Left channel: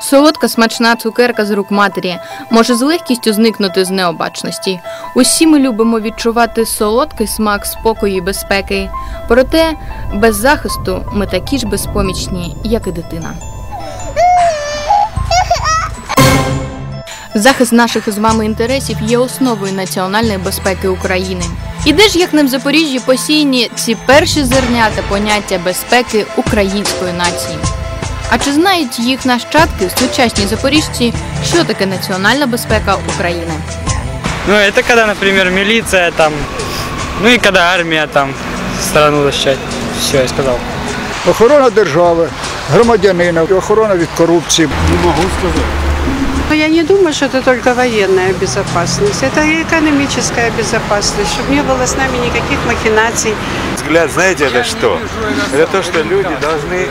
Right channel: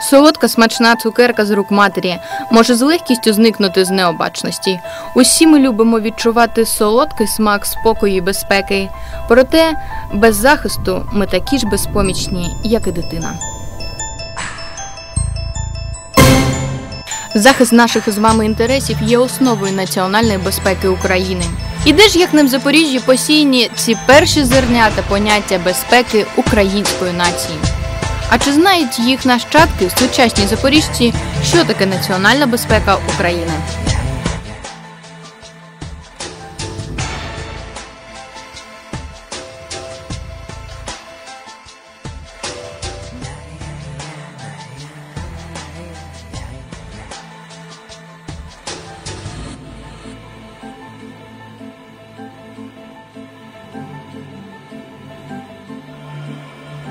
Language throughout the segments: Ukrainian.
Солодка смачна цукерка з рук матері може з легкістю зникнути з необачності. Усі ми любимо відчувати солодкий смак спокою і безпеки. Проте без захисту ми такі ж безпомічні, як і дитина. Захист наших з вами інтересів є основою національної безпеки України. І де ж як не в Запоріжжі посіяні ці перші зернята поняття безпеки української нації? А чи знають їх нащадки, сучасні запоріжці, що таке національна безпека України? Ну, это когда, например, милиция там, ну и когда армия там страну защищать. Все, я сказал. Охорона держави, громадянина, охорона від корупції. Но я не думаю, что это только военная безопасность. Это и экономическая безопасность, чтобы не было с нами никаких махинаций. Взгляд, знаете, это что? Это то, что люди должны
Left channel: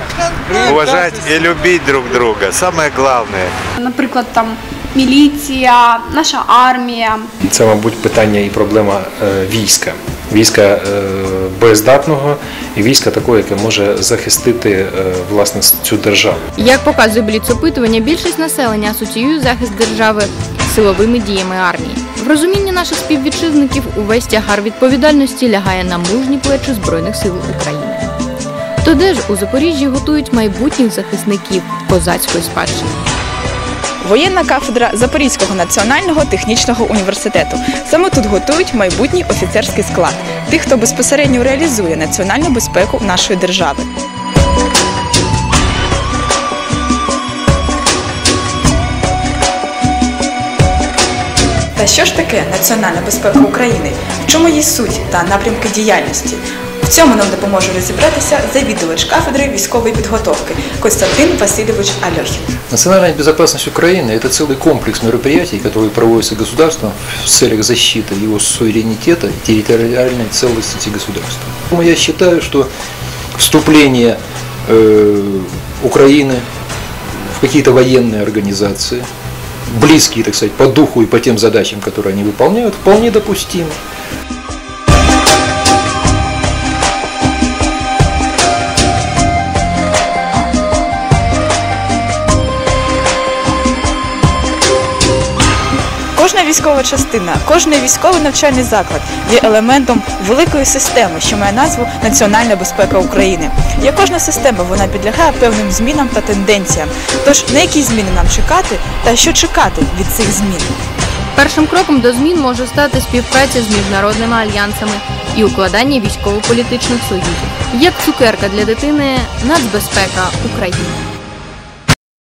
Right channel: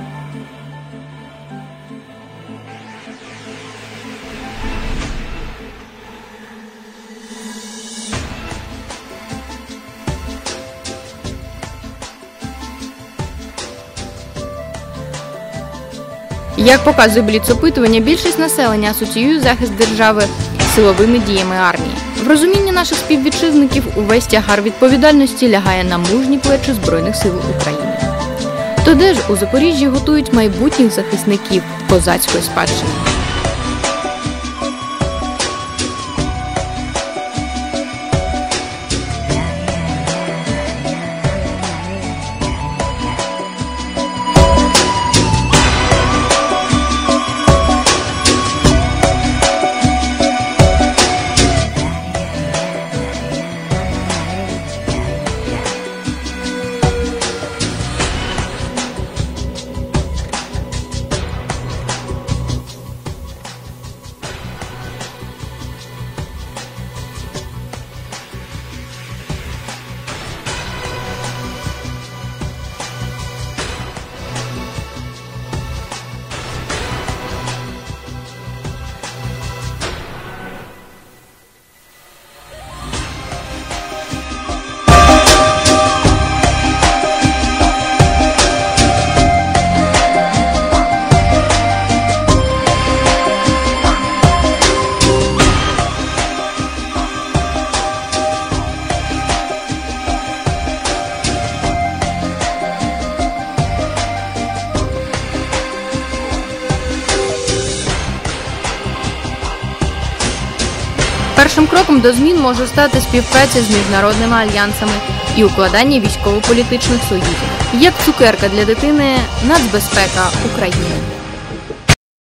уважать и любить друг друга. Самое главное. наприклад, там міліція, наша армія. Це, мабуть, питання і проблема е, війська. Війська е, боєздатного і війська такого, яке може захистити е, власне цю державу. Як показує бліц-опитування, більшість населення асоціює захист держави з силовими діями армії. В розумінні наших співвітчизників увесь тягар відповідальності лягає на мужні плечі Збройних сил України. То де ж у Запоріжжі готують майбутніх захисників козацької спадщини? Воєнна кафедра Запорізького національного технічного університету. Саме тут готують майбутній офіцерський склад, тих, хто безпосередньо реалізує національну безпеку нашої держави. Та що ж таке національна безпека України? В чому її суть та напрямки діяльності? В цьому нам допоможе розібратися завідувач кафедри військової підготовки Костянтин Васильович Альохін. Национальная безопасность Украины – это целый комплекс мероприятий, которые проводятся государством в целях защиты его суверенитета и территориальной целостности государства. Поэтому Я считаю, что вступление э, Украины в какие-то военные организации, близкие, так сказать, по духу и по тем задачам, которые они выполняют, вполне допустимо. Кожна військова частина, кожний військовий навчальний заклад є елементом великої системи, що має назву Національна безпека України. Як кожна система, вона підлягає певним змінам та тенденціям. Тож на які зміни нам чекати та що чекати від цих змін? Першим кроком до змін може стати співпраця з міжнародними альянсами і укладання військово-політичних союзів. Як цукерка для дитини нацбезпека України.